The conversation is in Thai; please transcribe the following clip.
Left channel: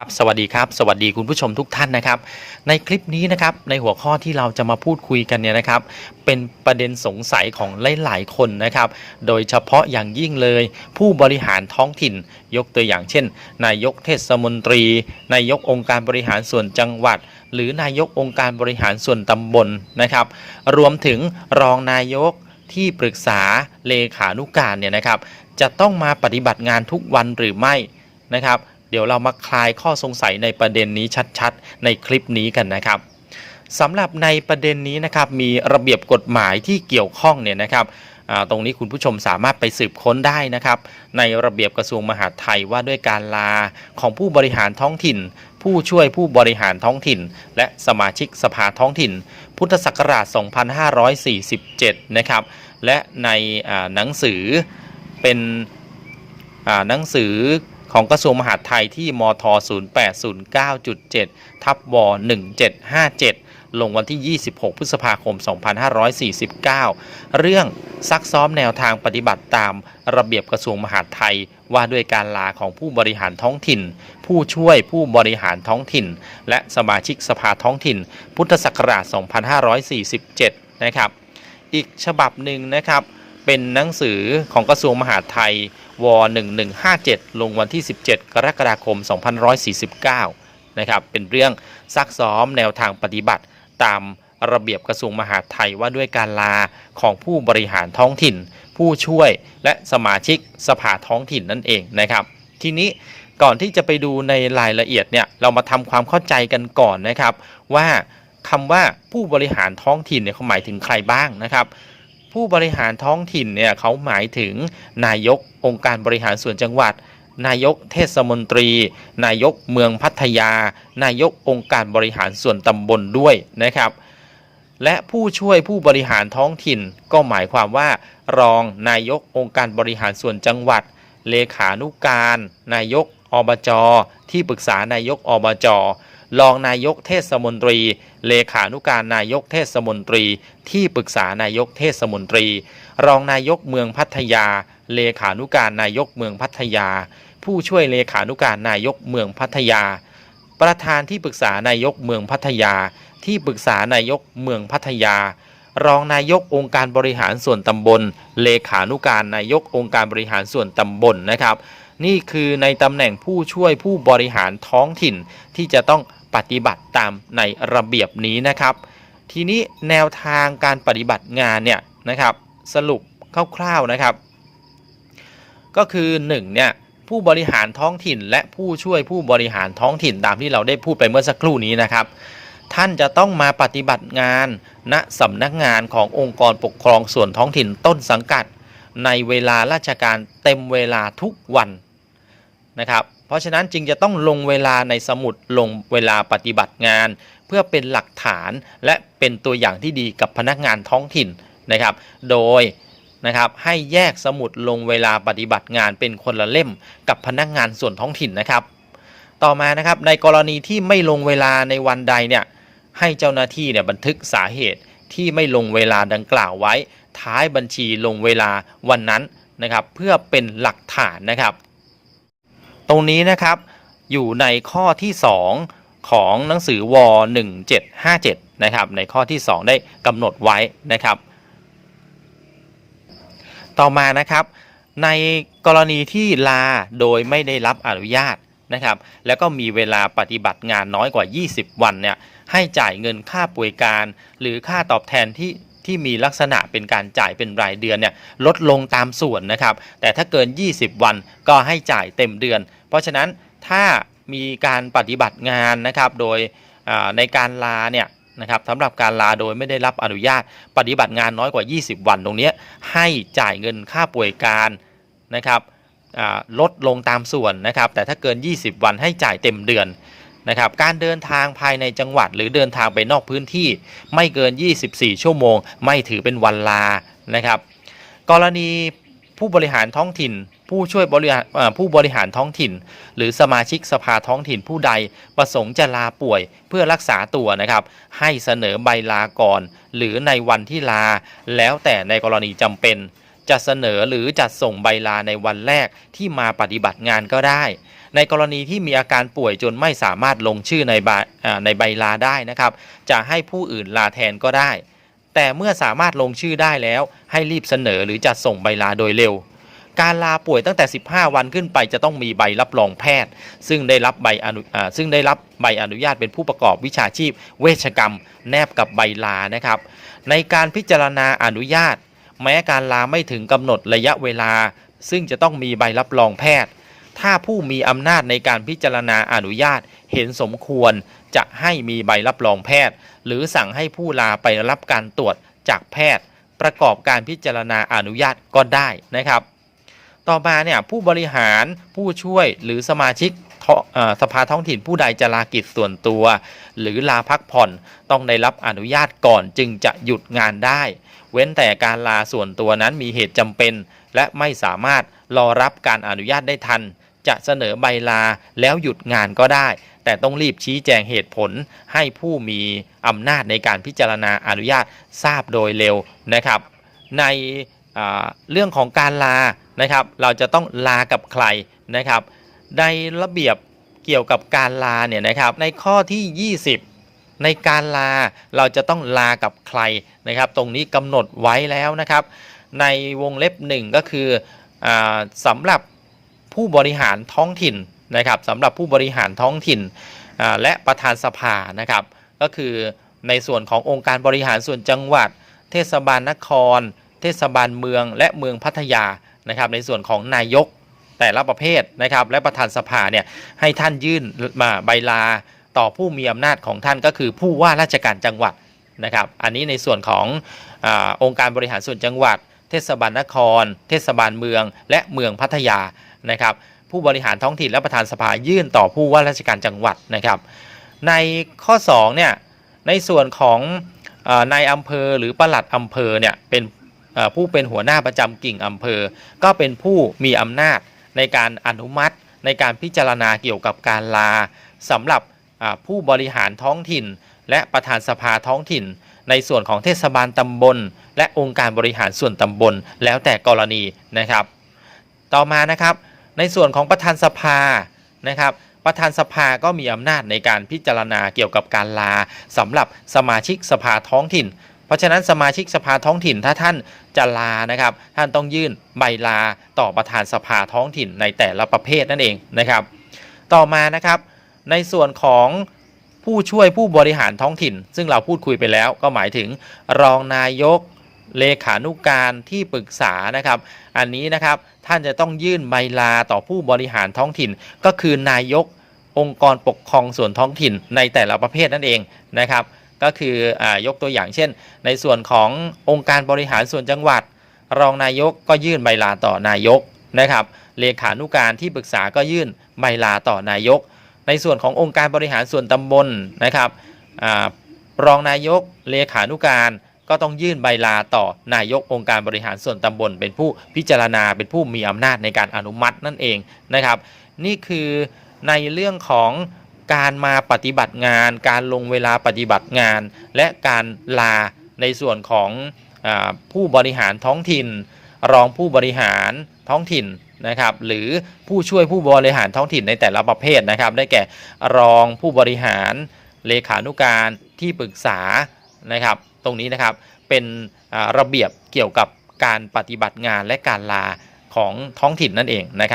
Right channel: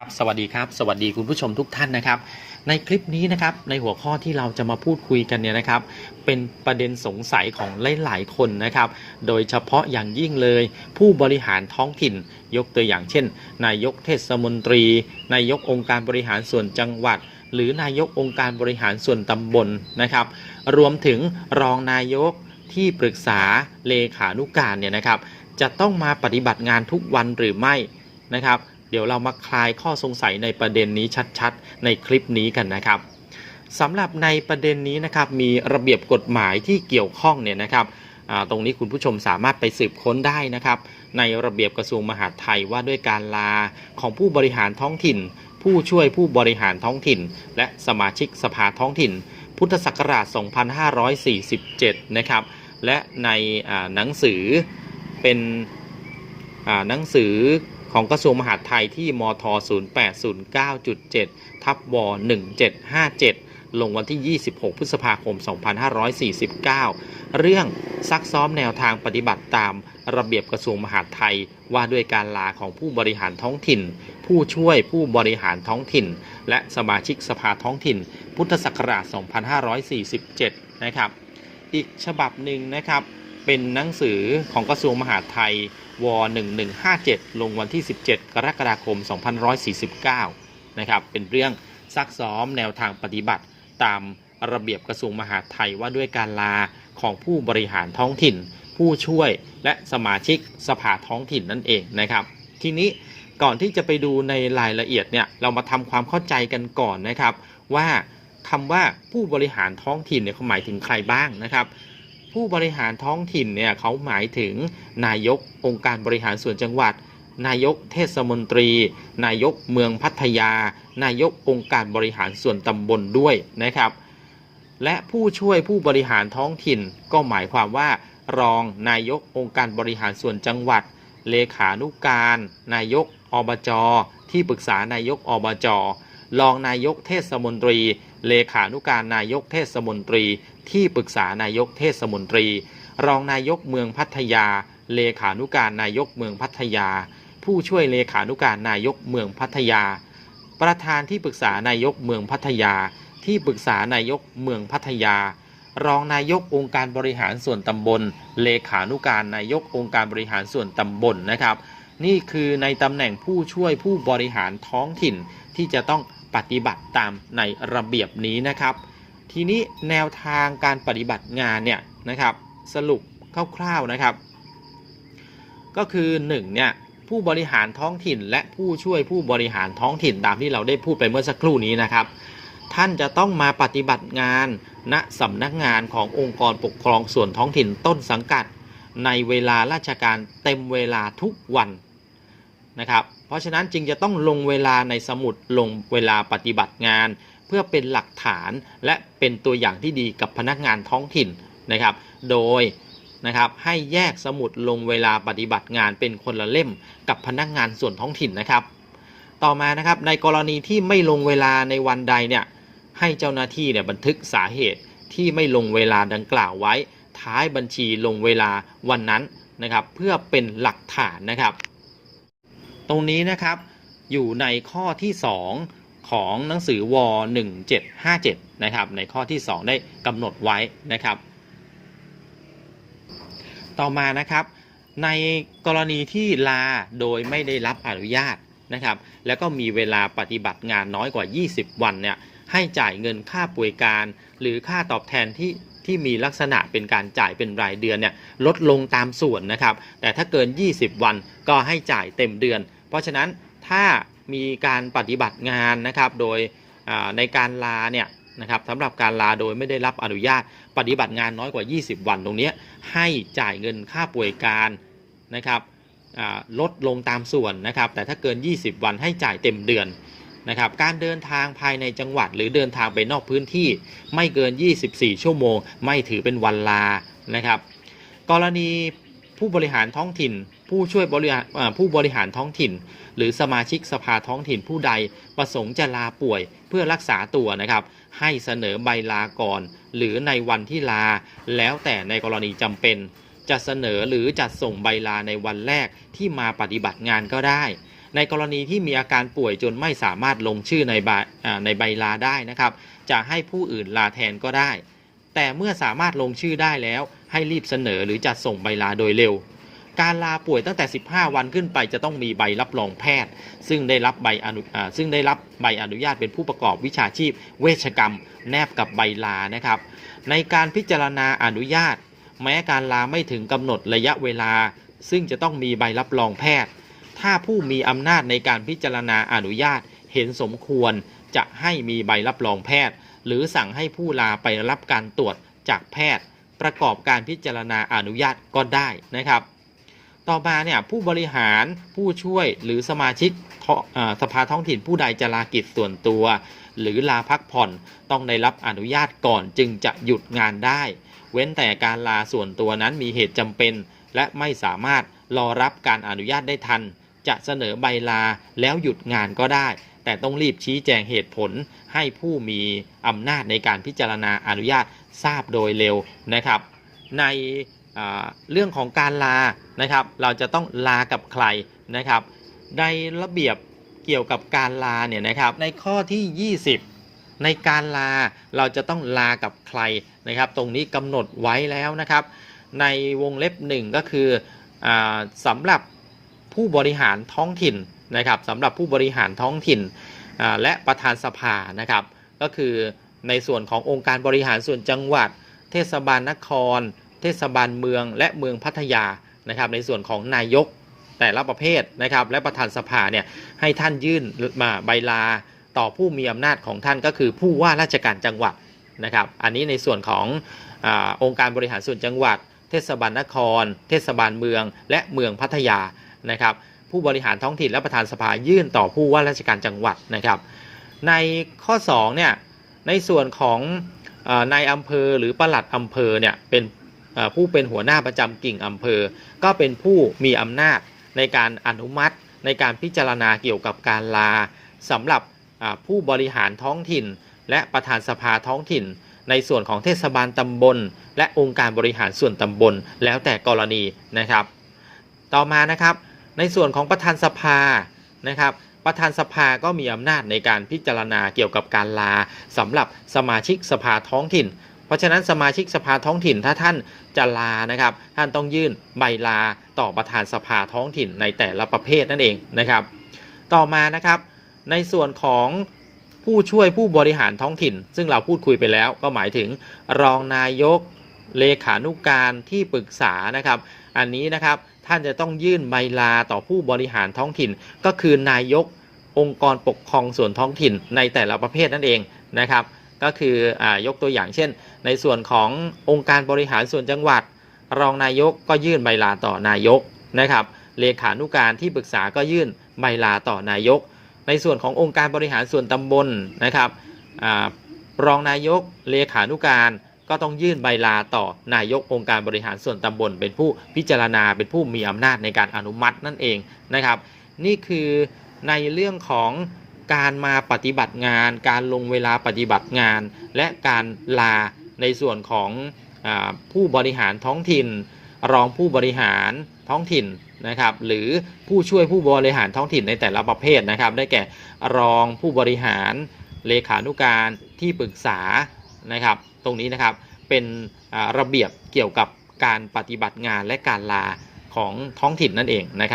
ครับสวัสดีครับสวัสดีคุณผู้ชมทุกท่านนะครับ ในคลิปนี้นะครับในหัวข้อที่เราจะมาพูดคุยกันเนี่ยนะครับ เป็นประเด็นสงสัยของหลายๆคนนะครับ โดยเฉพาะอย่างยิ่งเลย ผู้บริหารท้องถิ่น ยกตัวอย่างเช่น นายกเทศมนตรี นายกองค์การบริหารส่วนจังหวัด หรือนายกองค์การบริหารส่วนตำบลนะครับ รวมถึงรองนายกที่ปรึกษาเลขานุการเนี่ยนะครับ จะต้องมาปฏิบัติงานทุกวันหรือไม่นะครับ เดี๋ยวเรามาคลายข้อสงสัยในประเด็นนี้ชัดๆ ในคลิปนี้กันนะครับสำหรับในประเด็นนี้นะครับมีระเบียบกฎหมายที่เกี่ยวข้องเนี่ยนะครับตรงนี้คุณผู้ชมสามารถไปสืบค้นได้นะครับ ในระเบียบกระทรวงมหาดไทยว่าด้วยการลาของผู้บริหารท้องถิ่น ผู้ช่วยผู้บริหารท้องถิ่น และสมาชิกสภาท้องถิ่น พุทธศักราช 2547 นะครับ และในหนังสือเป็นหนังสือ ของกระทรวงมหาดไทยที่มท 0809.7 ทับว1757 ลงวันที่ 26 พฤษภาคม 2549 เรื่องซักซ้อมแนวทางปฏิบัติตามระเบียบกระทรวงมหาดไทย ว่าด้วยการลาของผู้บริหารท้องถิ่น ผู้ช่วยผู้บริหารท้องถิ่น และสมาชิกสภาท้องถิ่น พุทธศักราช 2547 นะครับ อีกฉบับหนึ่งนะครับ เป็นหนังสือของกระทรวงมหาดไทยว1157 ลงวันที่ 17 กรกฎาคม2549 นะครับ เป็นเรื่องซักซ้อมแนวทางปฏิบัติตามระเบียบกระทรวงมหาดไทยว่าด้วยการลาของผู้บริหารท้องถิ่น ผู้ช่วยและสมาชิกสภาท้องถิ่นนั่นเองนะครับ ทีนี้ก่อนที่จะไปดูในรายละเอียดเนี่ยเรามาทำความเข้าใจกันก่อนนะครับ ว่าคำว่าผู้บริหารท้องถิ่นเนี่ยเขาหมายถึงใครบ้างนะครับ ผู้บริหารท้องถิ่นเนี่ยเขาหมายถึงนายกองค์การบริหารส่วนจังหวัด นายกเทศมนตรี นายกเมืองพัทยา นายกองค์การบริหารส่วนตำบลด้วยนะครับ และผู้ช่วยผู้บริหารท้องถิ่น ก็หมายความว่า รองนายกองค์การบริหารส่วนจังหวัด เลขานุการ นายกอบจ ที่ปรึกษานายกอบจ รองนายกเทศมนตรี เลขานุการนายกเทศมนตรี ที่ปรึกษานายกเทศมนตรี รองนายกเมืองพัทยา เลขานุการนายกเมืองพัทยา ผู้ช่วยเลขานุการนายกเมืองพัทยา ประธานที่ปรึกษานายกเมืองพัทยา ที่ปรึกษานายกเมืองพัทยารองนายกองค์การบริหารส่วนตำบล เลขานุการนายกองค์การบริหารส่วนตำบลนะครับ นี่คือในตำแหน่งผู้ช่วยผู้บริหารท้องถิ่น ที่จะต้องปฏิบัติตามในระเบียบนี้นะครับ ทีนี้แนวทางการปฏิบัติงานเนี่ยนะครับ สรุปคร่าวๆนะครับ ก็คือ1เนี่ยผู้บริหารท้องถิ่น และผู้ช่วยผู้บริหารท้องถิ่นตามที่เราได้พูดไปเมื่อสักครู่นี้นะครับ ท่านจะต้องมาปฏิบัติงานณสำนักงานขององค์กรปกครองส่วนท้องถิ่นต้นสังกัด ในเวลาราชการเต็มเวลาทุกวันนะครับ เพราะฉะนั้นจึงจะต้องลงเวลาในสมุดลงเวลาปฏิบัติงาน เพื่อเป็นหลักฐานและเป็นตัวอย่างที่ดีกับพนักงานท้องถิ่นนะครับ โดยนะครับให้แยกสมุดลงเวลาปฏิบัติงานเป็นคนละเล่มกับพนักงานส่วนท้องถิ่นนะครับ ต่อมานะครับในกรณีที่ไม่ลงเวลาในวันใดเนี่ยให้เจ้าหน้าที่เนี่ยบันทึกสาเหตุที่ไม่ลงเวลาดังกล่าวไว้ ท้ายบัญชีลงเวลาวันนั้นนะครับ เพื่อเป็นหลักฐานนะครับ ตรงนี้นะครับอยู่ในข้อที่ 2 ของหนังสือว1757นะครับในข้อที่ 2 ได้กำหนดไว้นะครับ ต่อมานะครับ ในกรณีที่ลาโดยไม่ได้รับอนุญาตนะครับ แล้วก็มีเวลาปฏิบัติงานน้อยกว่า 20 วันเนี่ยให้จ่ายเงินค่าป่วยการ หรือค่าตอบแทนที่ ที่มีลักษณะเป็นการจ่ายเป็นรายเดือนเนี่ยลดลงตามส่วนนะครับ แต่ถ้าเกิน 20 วันก็ให้จ่ายเต็มเดือน เพราะฉะนั้นถ้ามีการปฏิบัติงานนะครับโดยในการลาเนี่ยนะครับสำหรับการลาโดยไม่ได้รับอนุญาต ปฏิบัติงานน้อยกว่า 20 วันตรงนี้ให้จ่ายเงินค่าป่วยการนะครับลดลงตามส่วนนะครับ แต่ถ้าเกิน 20 วันให้จ่ายเต็มเดือน นะครับการเดินทางภายในจังหวัด หรือเดินทางไปนอกพื้นที่ ไม่เกิน 24 ชั่วโมง ไม่ถือเป็นวันลานะครับ กรณีผู้บริหารท้องถิ่น ผู้ช่วยบริหารผู้บริหารท้องถิ่น หรือสมาชิกสภาท้องถิ่นผู้ใดประสงค์จะลาป่วยเพื่อรักษาตัวนะครับ ให้เสนอใบลาก่อน หรือในวันที่ลา แล้วแต่ในกรณีจำเป็นจะเสนอหรือจัดส่งใบลาในวันแรกที่มาปฏิบัติงานก็ได้ ในกรณีที่มีอาการป่วยจนไม่สามารถลงชื่อในใบในใบลาได้นะครับ จะให้ผู้อื่นลาแทนก็ได้ แต่เมื่อสามารถลงชื่อได้แล้ว ให้รีบเสนอหรือจัดส่งใบลาโดยเร็ว การลาป่วยตั้งแต่ 15 วันขึ้นไปจะต้องมีใบรับรองแพทย์ ซึ่งได้รับใบอนุซึ่งได้รับใบอนุญาตเป็นผู้ประกอบวิชาชีพ เวชกรรม แนบกับใบลานะครับ ในการพิจารณาอนุญาต แม้การลาไม่ถึงกำหนดระยะเวลา ซึ่งจะต้องมีใบรับรองแพทย์ ถ้าผู้มีอำนาจในการพิจารณาอนุญาตเห็นสมควรจะให้มีใบรับรองแพทย์ หรือสั่งให้ผู้ลาไปรับการตรวจจากแพทย์ ประกอบการพิจารณาอนุญาตก็ได้นะครับ ต่อมาเนี่ยผู้บริหารผู้ช่วยหรือสมาชิกสภาท้องถิ่นผู้ใดจะลากิจส่วนตัว หรือลาพักผ่อนต้องได้รับอนุญาตก่อนจึงจะหยุดงานได้ เว้นแต่การลาส่วนตัวนั้นมีเหตุจำเป็น และไม่สามารถรอรับการอนุญาตได้ทัน จะเสนอใบลาแล้วหยุดงานก็ได้ แต่ต้องรีบชี้แจงเหตุผลให้ผู้มีอำนาจในการพิจารณาอนุญาตทราบโดยเร็วนะครับ ในเรื่องของการลานะครับ เราจะต้องลากับใครนะครับ ในระเบียบเกี่ยวกับการลาเนี่ยนะครับ ในข้อที่ 20 ในการลาเราจะต้องลากับใครนะครับ ตรงนี้กำหนดไว้แล้วนะครับ ในวงเล็บหนึ่งก็คืออสำหรับ ผู้บริหารท้องถิ่นนะครับสำหรับผู้บริหารท้องถิ่นและประธานสภานะครับ ก็คือในส่วนขององค์การบริหารส่วนจังหวัด เทศบาลนคร เทศบาลเมือง และเมืองพัทยานะครับ ในส่วนของนายกแต่ละประเภทนะครับ และประธานสภาเนี่ยให้ท่านยื่นมาใบลาต่อผู้มีอำนาจของท่านก็คือผู้ว่าราชการจังหวัดนะครับ อันนี้ในส่วนของอองค์การบริหารส่วนจังหวัด เทศบาลนคร เทศบาลเมือง และเมืองพัทยา นะครับผู้บริหารท้องถิ่นและประธานสภายื่นต่อผู้ว่าราชการจังหวัดนะครับ ในข้อ2เนี่ยในส่วนของนายอำเภอหรือปลัดอำเภอเนี่ยเป็นผู้เป็นหัวหน้าประจำกิ่งอำเภอ ก็เป็นผู้มีอำนาจในการอนุมัติในการพิจารณาเกี่ยวกับการลาสำหรับผู้บริหารท้องถิ่น และประธานสภาท้องถิ่น ในส่วนของเทศบาลตำบล และองค์การบริหารส่วนตำบลแล้วแต่กรณีนะครับ ต่อมานะครับ ในส่วนของประธานสภานะครับประธานสภาก็มีอำนาจในการพิจารณาเกี่ยวกับการลาสำหรับสมาชิกสภาท้องถิ่น เพราะฉะนั้นสมาชิกสภาท้องถิ่นถ้าท่านจะลานะครับ ท่านต้องยื่นใบลาต่อประธานสภาท้องถิ่นในแต่ละประเภทนั่นเองนะครับ ต่อมานะครับ ในส่วนของผู้ช่วยผู้บริหารท้องถิ่น ซึ่งเราพูดคุยไปแล้วก็หมายถึงรองนายกเลขานุการที่ปรึกษานะครับ อันนี้นะครับ ท่านจะต้องยื่นใบลาต่อผู้บริหารท้องถิ่น ก็คือนายกองค์กรปกครองส่วนท้องถิ่นในแต่ละประเภทนั่นเองนะครับ ก็คืออยกตัวอย่างเช่น ในส่วนขององค์การบริหารส่วนจังหวัด รองนายกก็ยื่นใบลาต่อนายกนะครับเลขานุการที่ปรึกษาก็ยื่นใบลาต่อนายก ในส่วนขององค์การบริหารส่วนตำบลนะครับอรองนายกเลขานุการ ก็ต้องยื่นใบลาต่อนายกองค์การบริหารส่วนตำบล เป็นผู้พิจารณาเป็นผู้มีอำนาจในการอนุมัตินั่นเองนะครับ นี่คือในเรื่องของการมาปฏิบัติงาน การลงเวลาปฏิบัติงาน และการลาในส่วนของอผู้บริหารท้องถิ่น รองผู้บริหารท้องถิ่นนะครับ หรือผู้ช่วยผู้บริหารท้องถิ่นในแต่ละประเภทนะครับ ได้แก่รองผู้บริหารเลขานุการที่ปรึกษานะครับ ตรงนี้นะครับเป็นระเบียบเกี่ยวกับการปฏิบัติงานและการลาของท้องถิ่นนั่นเองนะครับ